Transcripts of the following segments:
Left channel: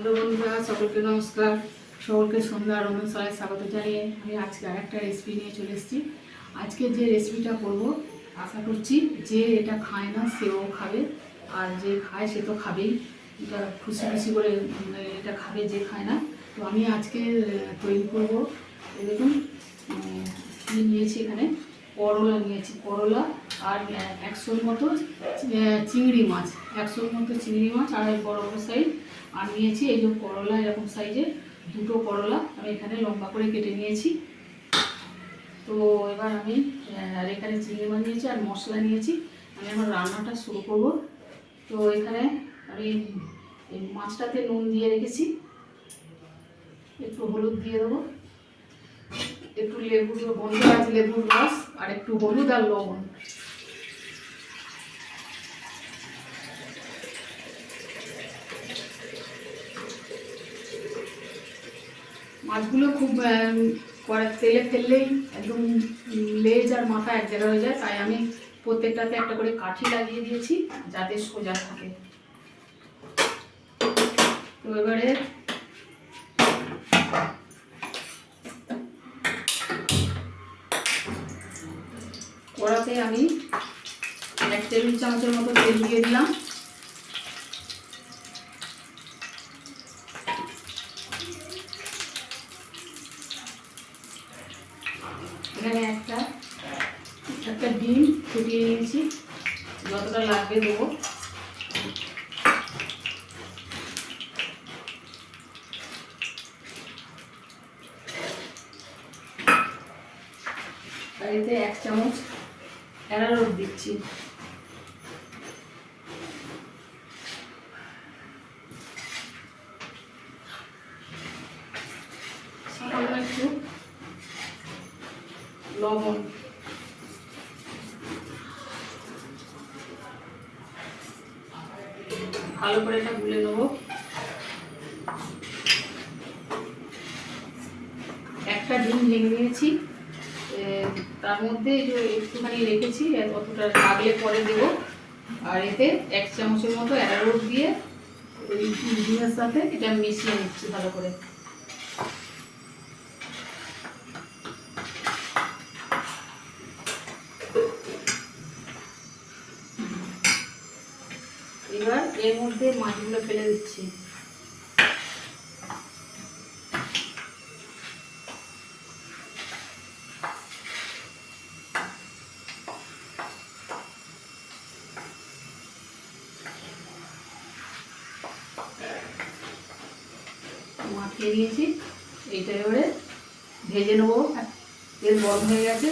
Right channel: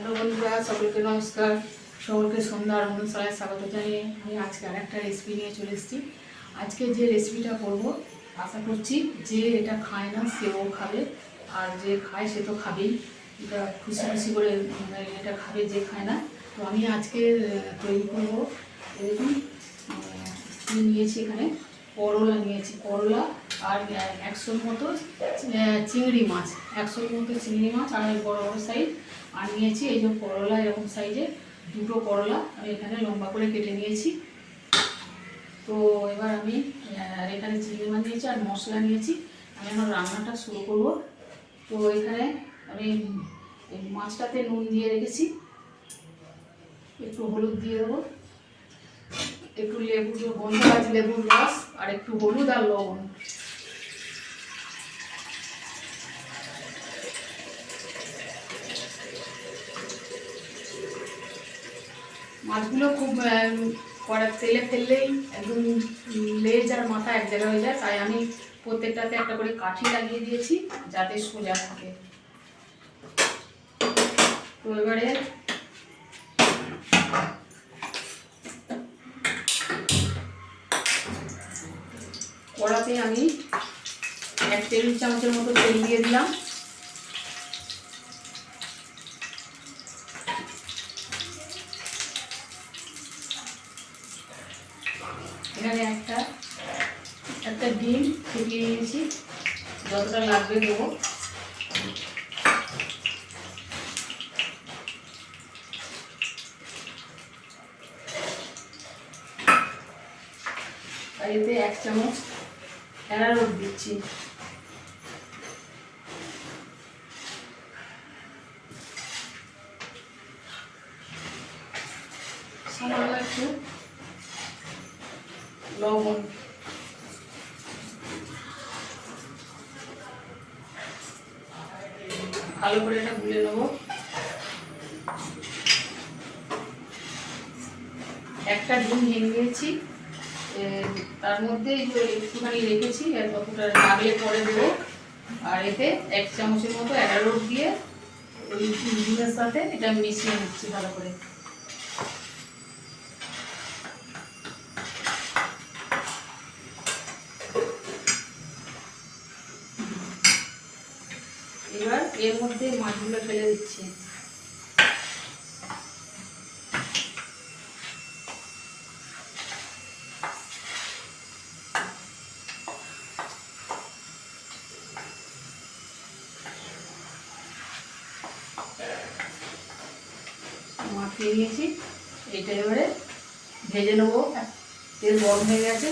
Hello বন্ধুরা, সকলকে নমস্কার। সকলকে সন্ধ্যা রন্ধনশালায় স্বাগত জানিয়ে আমি আজকে আর একটা রেসিপি নিয়ে চলে এসেছি। আজকে যে রেসিপিটা করব আশা করছি যে এটা খায় না সেও খাবে, আর যে খায় সে তো খাবেই। এটা খুশি খুশি করে এটা খাবে যে খায় না। তো আমি আজকে তৈরি করব। দেখুন নিয়েছি এখানে করলা নিয়েছি, করলা আর 100-র মতো চিংড়ি মাছ, 100-র মতো চিংড়ি মাছ আর বড় বড় সাইজ। আর নিয়েছি এই যে করলা, এরকম সাইজের দুটো করলা আমি এখানে লম্বা করে কেটে নিয়েছি। তো এবার আমি আর এখানে চিংড়ি মাছ নিয়েছি আর মশলা নিয়েছি। আমি আমার রান্নাটা শুরু করব। তো এখানে আমি মাছটাতে নুন দিয়ে রেখেছি, একটু হলুদ দিয়ে দেবো, একটু লেবুর রস আর একটু হলুদ আর লবণ। মাছগুলো খুব কড়ার তেলে ফেললেই একদম লেজ আর মাথা এক জায়গায় হয়ে যায়, তাই আমি প্রত্যেকটাতে একটা করে কাঠি লাগিয়ে দিয়েছি যাতে সোজা থাকে। তো এবারে কড়াতে আমি 1 টেবিল চামচের মতো তেল দিয়ে দিলাম। এখানে একটা ডিম ফুটিয়ে নিয়েছি, যতটা লাগবে দেবো। আর এতে 1 চামচ অ্যারারুট দিচ্ছি। সামান্য একটু লবণ। ভালো করে এটা গুলে নেবো। একটা ডিম ভেঙে নিয়েছি, তার মধ্যে একটুখানি রেখেছি, অতটা লাগলে পরে দেবো। আর এতে 1 চামচের মতো অ্যারারুট দিয়ে ওই ডিমের সাথে এটা মিশিয়ে নিচ্ছি ভালো করে। এবার এর মধ্যে মাছগুলো ফেলে দিচ্ছি। মাখিয়ে নিয়েছি, এইটা এবারে ভেজে নেবো। তেল গরম হয়ে গেছে।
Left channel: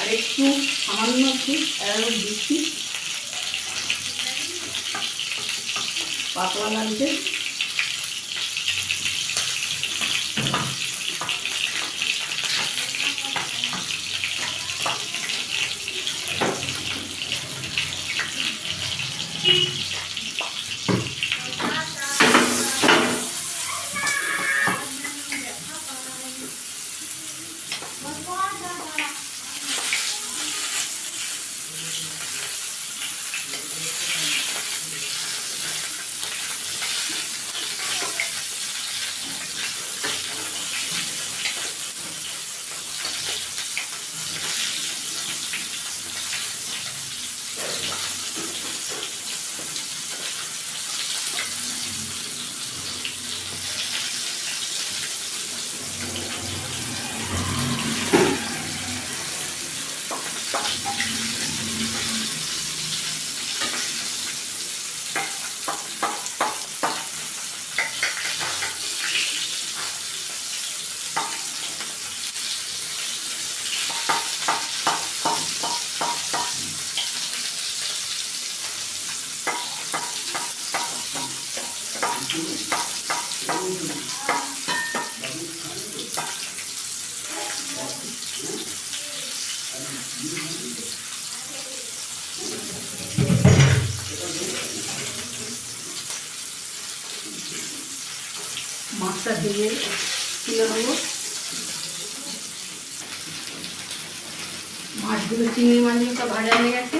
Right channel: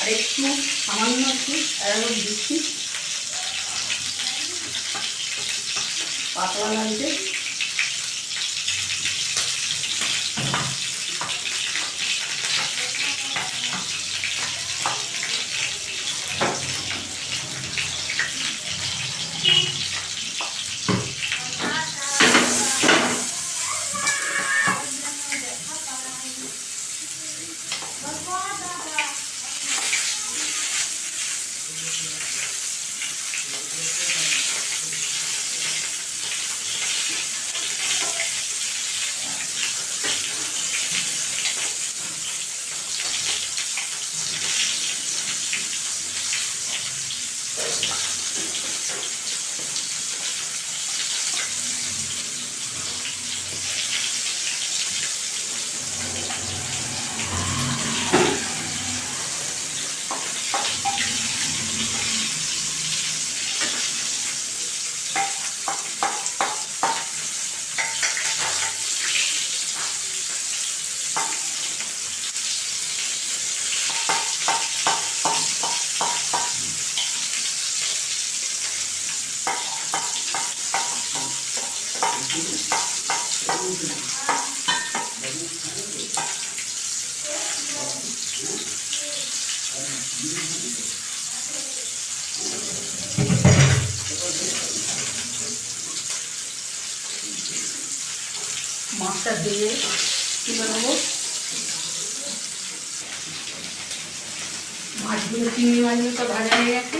আর একটু সামান্য একটু অ্যারারুট দিচ্ছি, পাতলা লাগছে। মাছটা দিয়ে তুলে নেবো। মাছগুলো, চিংড়ি মাছগুলো সব ভাজা হয়ে গেছে।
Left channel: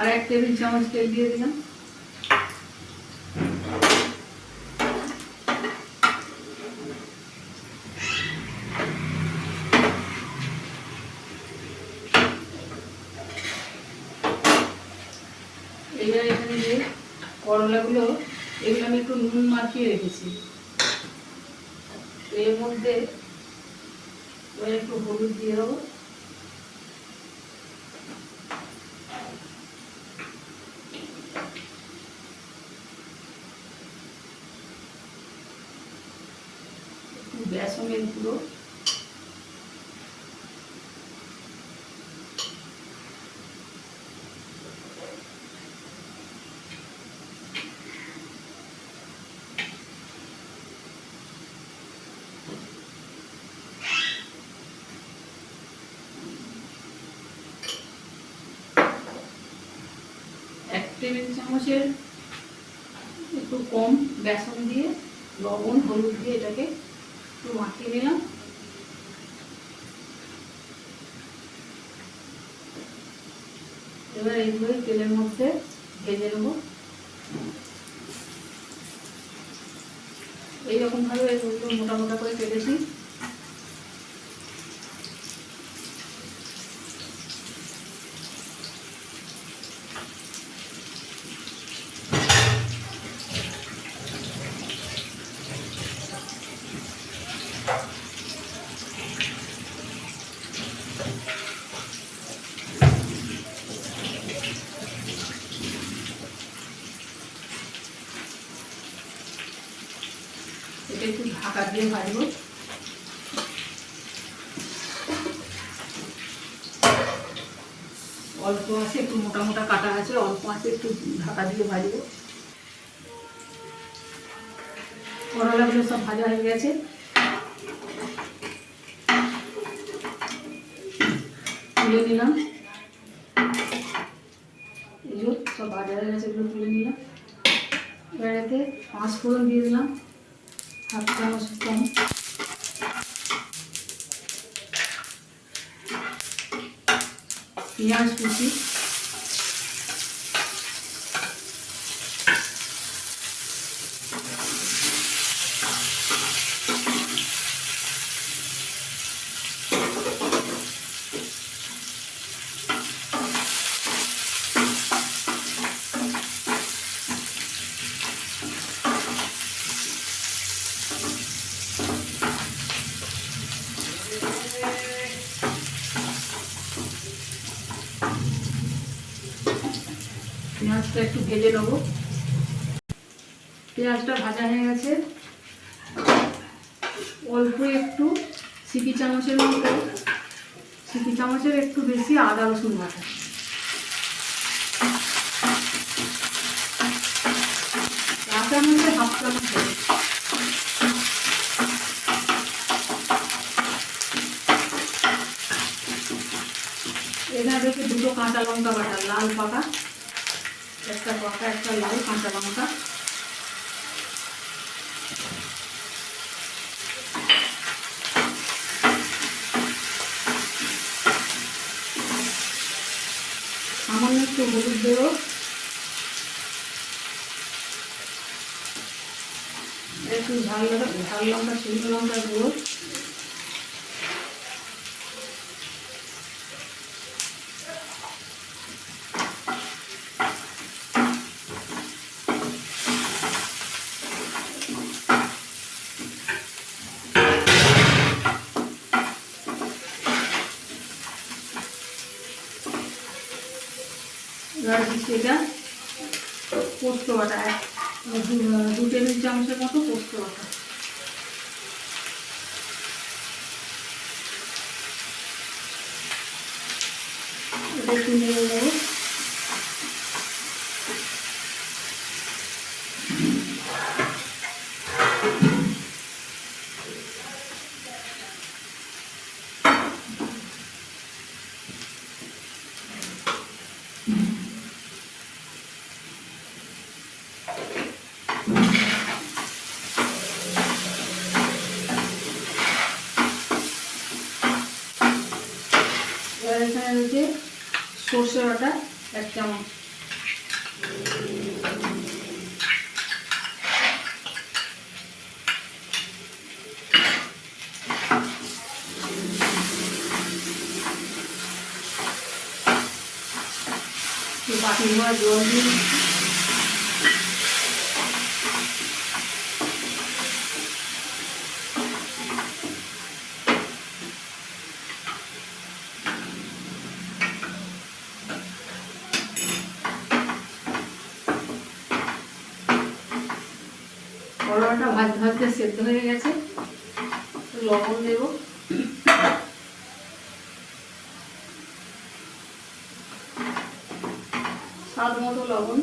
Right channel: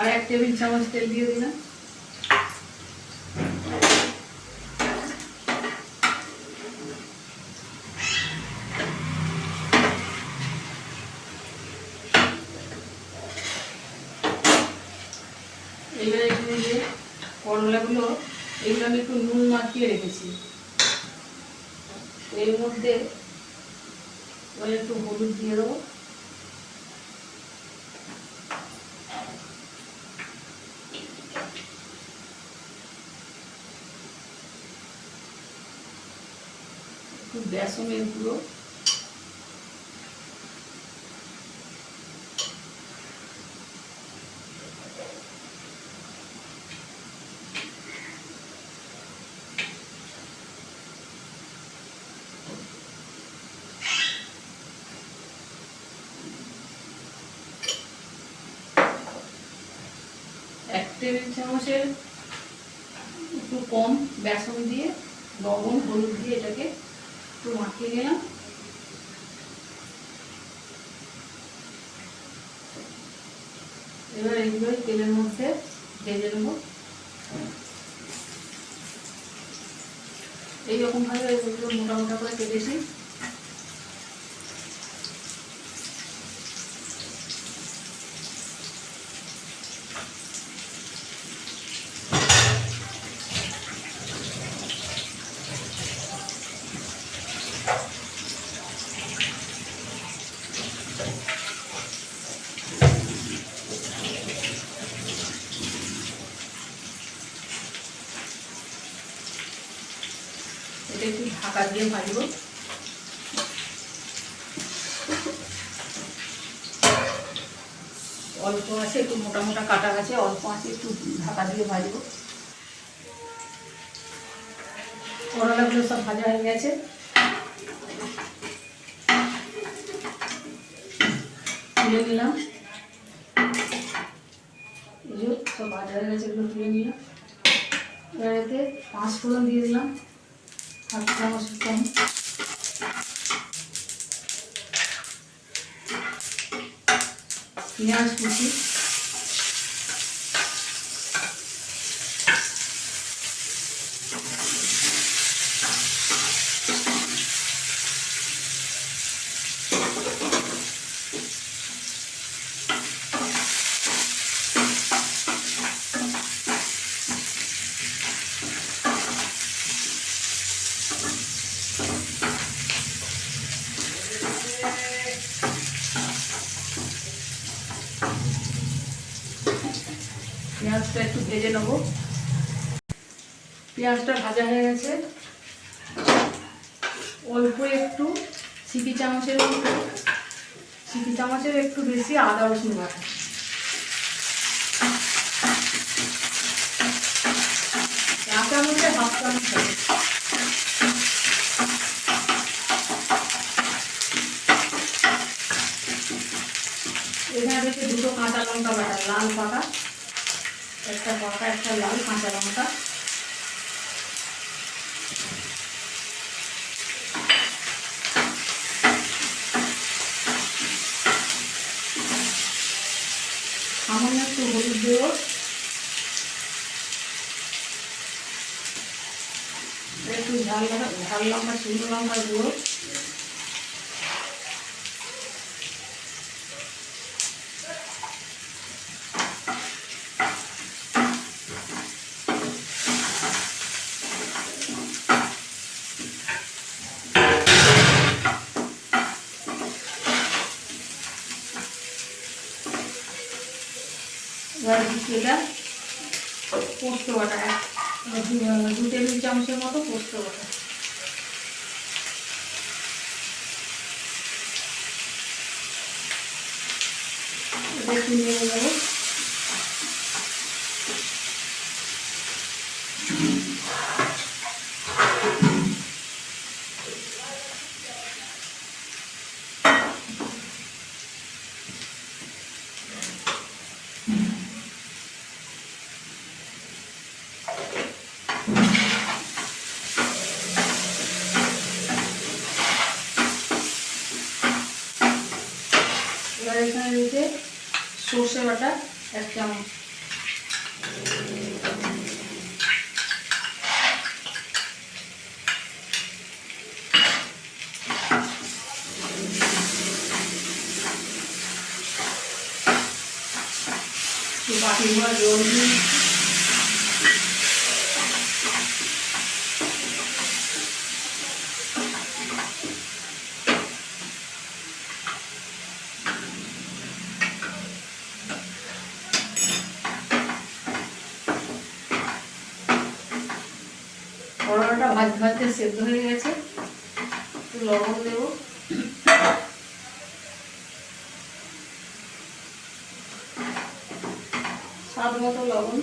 আর 1 টেবিল চামচ তেল দিয়ে দিলাম। এবারে এখানে যে করলাগুলো, এগুলো আমি একটু নুন মাখিয়ে রেখেছি। এর মধ্যে একটু হলুদ দিয়ে দেবো। একটু বেসনের গুঁড়ো, টেবিল চামচের একটু কম বেসন দিয়ে, লবণ হলুদ দিয়ে এটাকে একটু মাখিয়ে নিলাম। এবার এইগুলো তেলের মধ্যে ভেজে নেব। এইরকম ভাবে মোটা মোটা করে কেটেছি। এটা একটু ঢাকা দিয়ে ভাজবো। অল্প আছে, একটু মোটা মোটা কাটা আছে, অল্প আছে, একটু ঢাকা দিয়ে ভাজবো। করলাগুলো সব ভাজা হয়ে গেছে। তুলে নিলাম। এই যে সব ভাজা হয়ে গেছে, এগুলো তুলে নিলাম। এবার এতে 5 ফোড়ন দিয়ে দিলাম, 1/2 চামচ কম। পেঁয়াজ কুচি, পেঁয়াজটা একটু ভেজে নেবো। পেঁয়াজটা ভাজা হয়ে গেছে। অল্প একটু সিপি চামচের একটু বেশি আদা রসুন বাটা। কাঁচা মধ্যে 1/2 চামচ হবে। এখানে থেকে 2 কাঁচা লঙ্কা বাটা, লাল পাকা, একটা পাকা একটা লাল কাঁচা লঙ্কা। সামান্য একটু হলুদ দেবো। একটু ঝাল লঙ্কা, শুকনো লঙ্কা দেবো। এবার দিচ্ছি এটা পোস্ত বাটা, 2 টেবিল চামচের মতো পোস্ত বাটা। একটু নেড়ে নেবো। এবার এখানে রয়েছে সর্ষে বাটা 1 চামচ, বাটি ধোয়া জল দিয়ে করলাটা ভাজতে ভাজতে সেদ্ধ হয়ে গেছে। একটু লবণ দেব, স্বাদ মতো লবণ,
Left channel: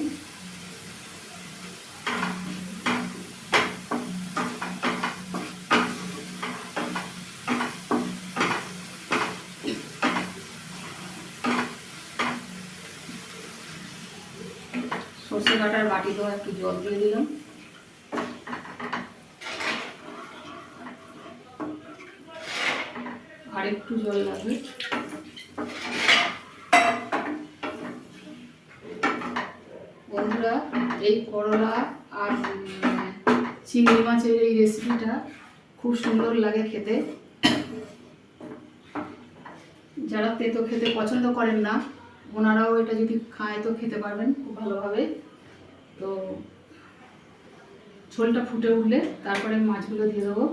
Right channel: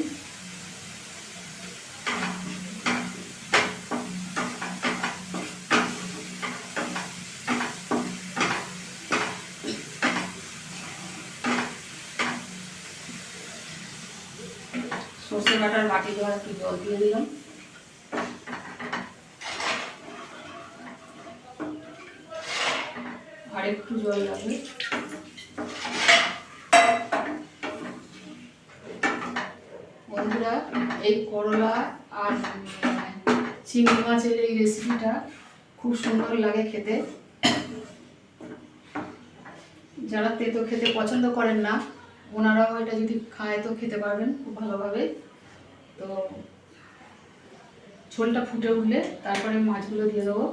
সর্ষে বাটার বাটি দেওয়া একটু জল দিয়ে দিলাম, আর একটু জল লাগবে। বন্ধুরা, এই করলা আর চিংড়ি মাছের এই রেসিপিটা খুব সুন্দর লাগে খেতে। যারা তেতো খেতে পছন্দ করেন না ওনারাও এটা যদি খায় তো খেতে পারবেন খুব ভালোভাবে। তো ঝোলটা ফুটে উঠলে তারপরে মাছগুলো দিয়ে দেবো।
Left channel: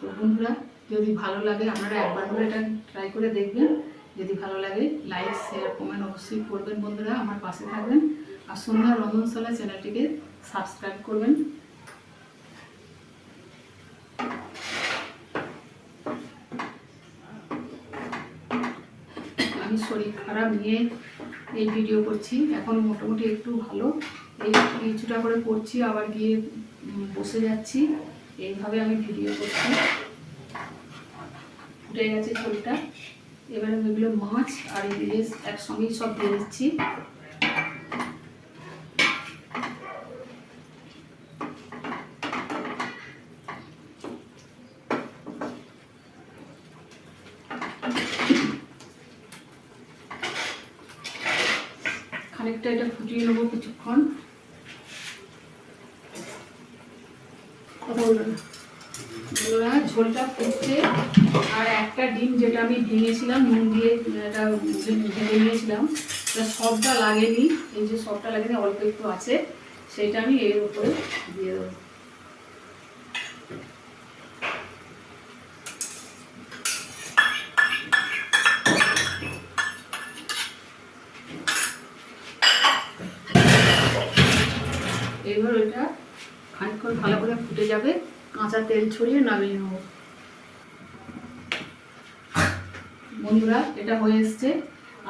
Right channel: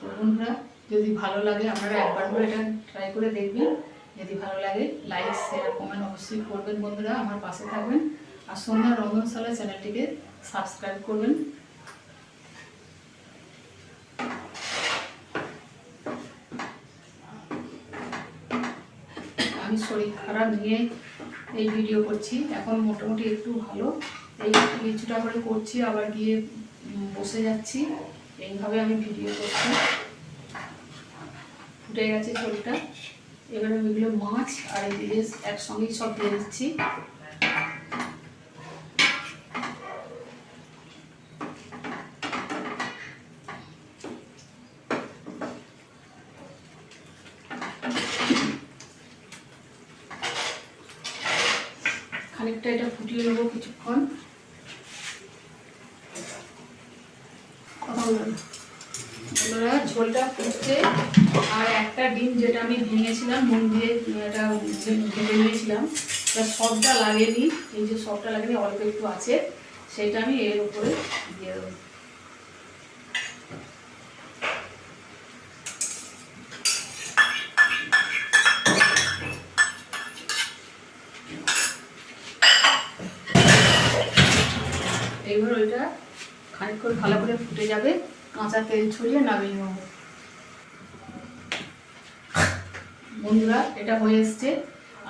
তো বন্ধুরা, যদি ভালো লাগে আপনারা একবার করে এটা ট্রাই করে দেখবেন। যদি ভালো লাগে লাইক শেয়ার কমেন্ট অবশ্যই করবেন। বন্ধুরা, আমার পাশে থাকবেন আর সন্ধ্যা রন্ধনশালা চ্যানেলটিকে সাবস্ক্রাইব করবেন। আমি শরীর খারাপ নিয়ে এই ভিডিও করছি, এখন মোটামুটি একটু ভালো। এই কিছুটা করে করছি, আবার গিয়ে বসে যাচ্ছি, এইভাবে আমি ভিডিও করছি। ফুটে গেছে ঝোলটা, এবারে আমি এগুলো মাছ আর এই দিয়ে একসঙ্গেই সব দিয়ে দিচ্ছি। খানিকটা এটা ফুটিয়ে নেবো কিছুক্ষণ। কথা বলবেন ঝোলটা ফুটছে, আর একটা ডিম যেটা আমি ভেঙেছিলাম নুন দিয়ে, এটা ভেঙে নিয়েছিলাম, সবটা লাগেনি। এই যে সবটা লাগেনি, অল্প একটু আছে, সেটা আমি এর উপরে দিয়ে দেবো। এবার ওইটা খানিকক্ষণ ভালো করে ফুটে যাবে, কাঁচা তেল ছড়িয়ে নামিয়ে নেব। বন্ধুরা, এটা হয়ে এসছে।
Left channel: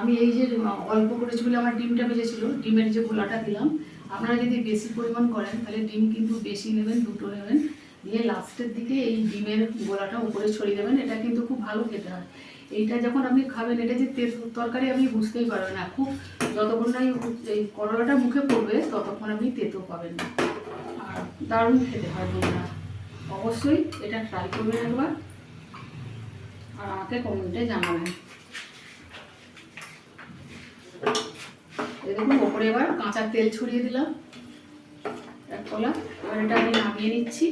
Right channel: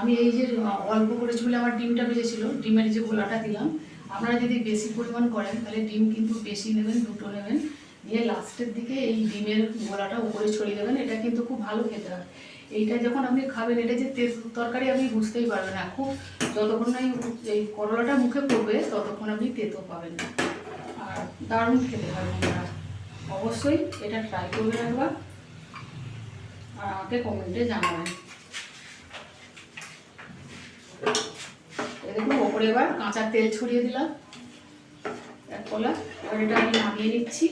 আমি এই যে অল্প করেছি বলে আমার ডিমটা ভেজেছিল, ডিমের যে গোলাটা দিলাম। আপনারা যদি বেশি পরিমাণ করেন তাহলে ডিম কিন্তু বেশি নেবেন, 2টো নেবেন, নিয়ে লাস্টের দিকে এই ডিমের গোলাটা উপরে ছড়িয়ে দেবেন। এটা কিন্তু খুব ভালো খেতে হয়। এইটা যখন আপনি খাবেন, এটা যে তেল তরকারি আপনি বুঝতেই পারবেন না। খুব যতক্ষণ না এই করলাটা মুখে পড়বে ততক্ষণ আপনি তেতো পাবেন না, আর দারুণ খেতে হয়। বন্ধুরা, অবশ্যই এটা ট্রাই করবেন একবার, আর আমাকে কমেন্টে জানাবেন। দেখুন, ওপরে এবার কাঁচা তেল ছড়িয়ে দিলাম এক কলা। এবার এটা আমি নামিয়ে নিচ্ছি।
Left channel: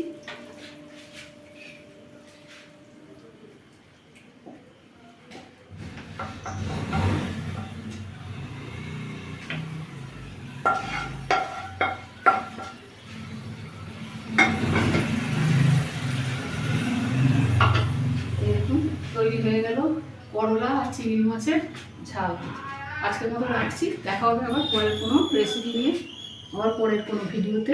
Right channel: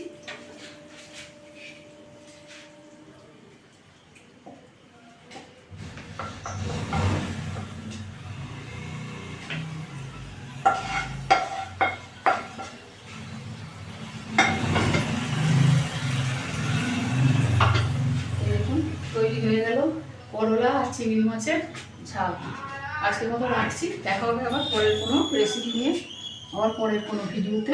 দেখুন, তৈরি হয়ে গেল করলা আর চিংড়ি মাছের ঝাল। আজকের মতো রাখছি, দেখা হবে আবার পরের কোনো রেসিপি নিয়ে, আবার পরের কোনো ভিডিওতে।